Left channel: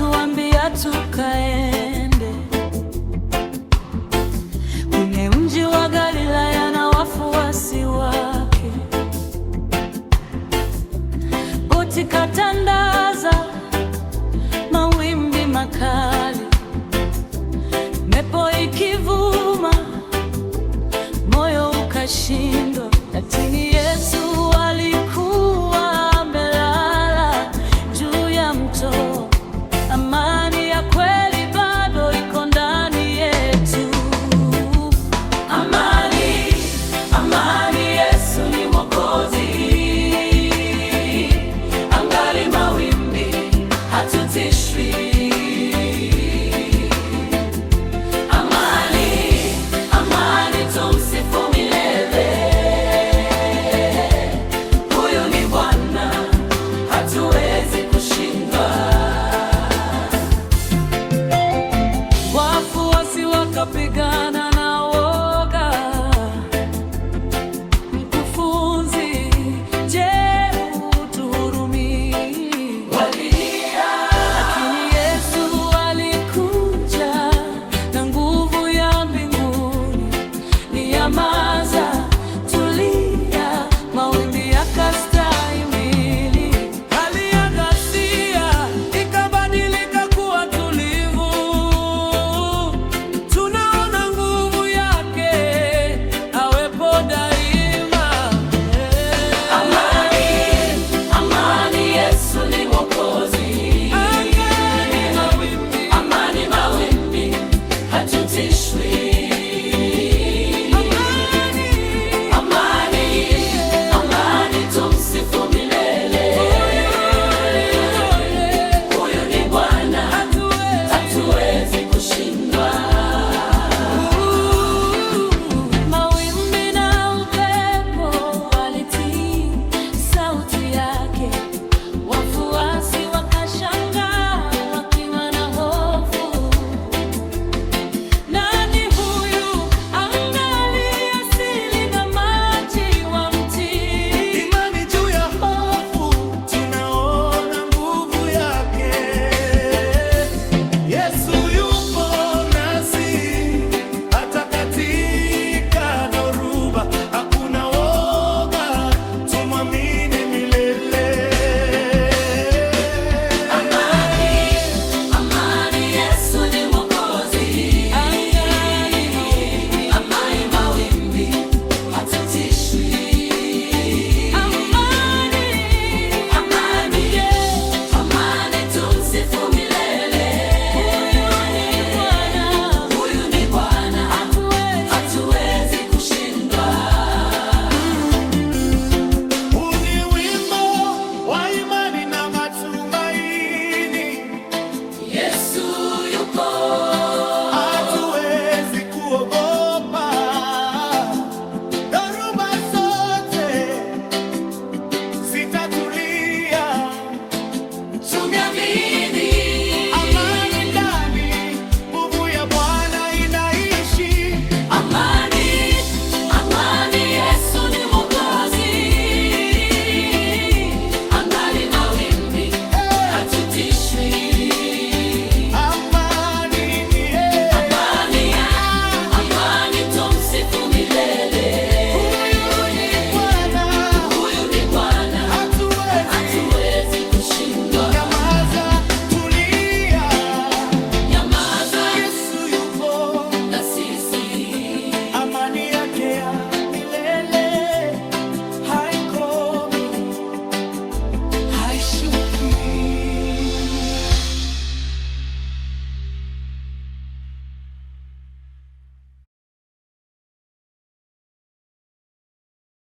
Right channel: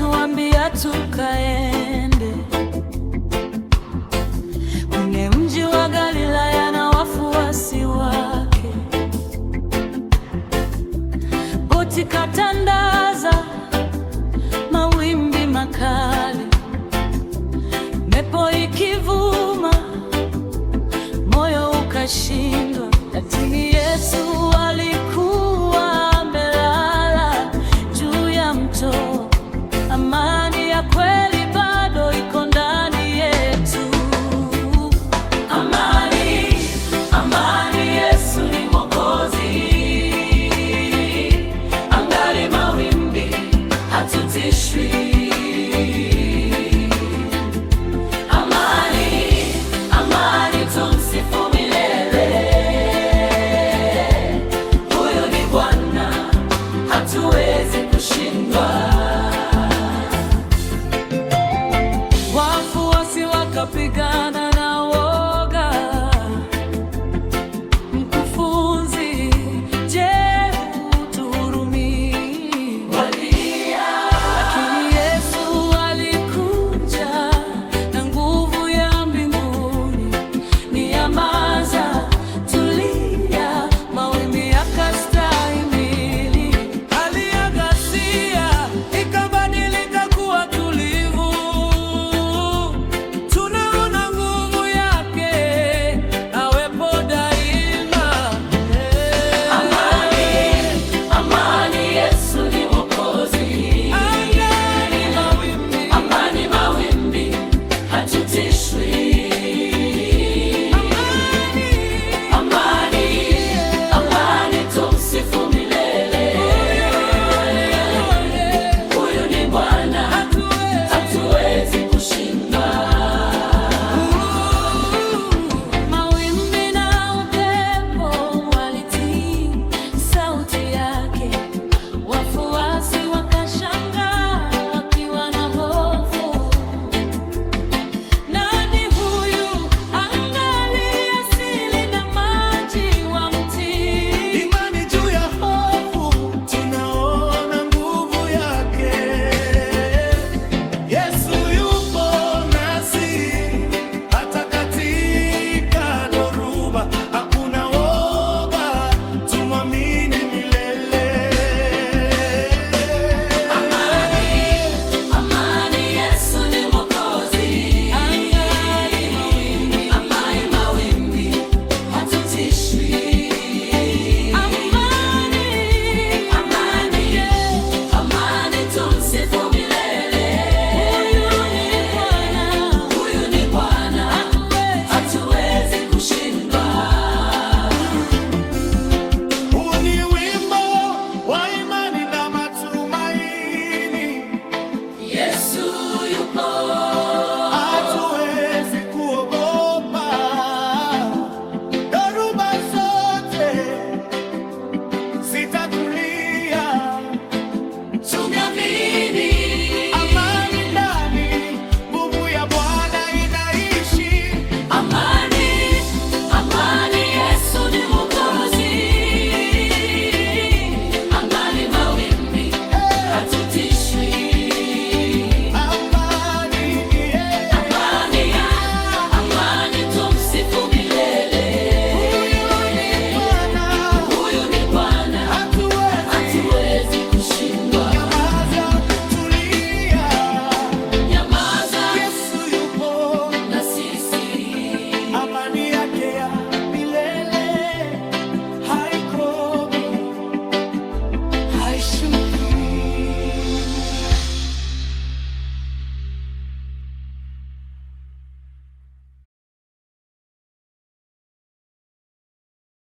akatuambia tukaende kwenye mji wa Galilaya na wafuasi wake. Boti katandaza, mawimbi makali, mepo ikivuma, moyo ukashindwa, lakini Yesu alikuwa amelala juu ya mto. Amani ya kweli bado iko ndani yetu. Amani, amani, Yesu ni Mwokozi. Angali mawimbi, hatutishwi. Amani, amani, tumsifu milele. Huyu ni Bwana, hatuwezi kushindwa. Wafuasi wakapigana na woga. Mkufunzi, je, utuhurumii? Walia. Lakini Yesu alikuja na nguvu ya mbinguni. Nyamaza, tulia, mawimbi yakastahimili. Hali ya ghasia ikabadilika kuwa tulivu. Tunaona nguvu yake, awepo daima. Amani, amani, Yesu ni Mwokozi. Angani mawimbi, amani mawimbi, hatutishwi. Wafuasi wakashangaa wakiwa na hofu. Nani huyu angali asili na maji wa mti? Imani juu ya hofu, tunaona nguvu yake. Yesu yupo nasi hata katika dhoruba. Hakuna woga, tumwamini milele. Hatuwezi kuogopa, dhoruba zote zitatulia. Tumeamini amani ndani, nguvu ya Bwana inaishi. Amani, amani, Yesu ni Mwokozi. Angali mawimbi, hatutishwi. Amani yake ya milele haikomi, haishuki.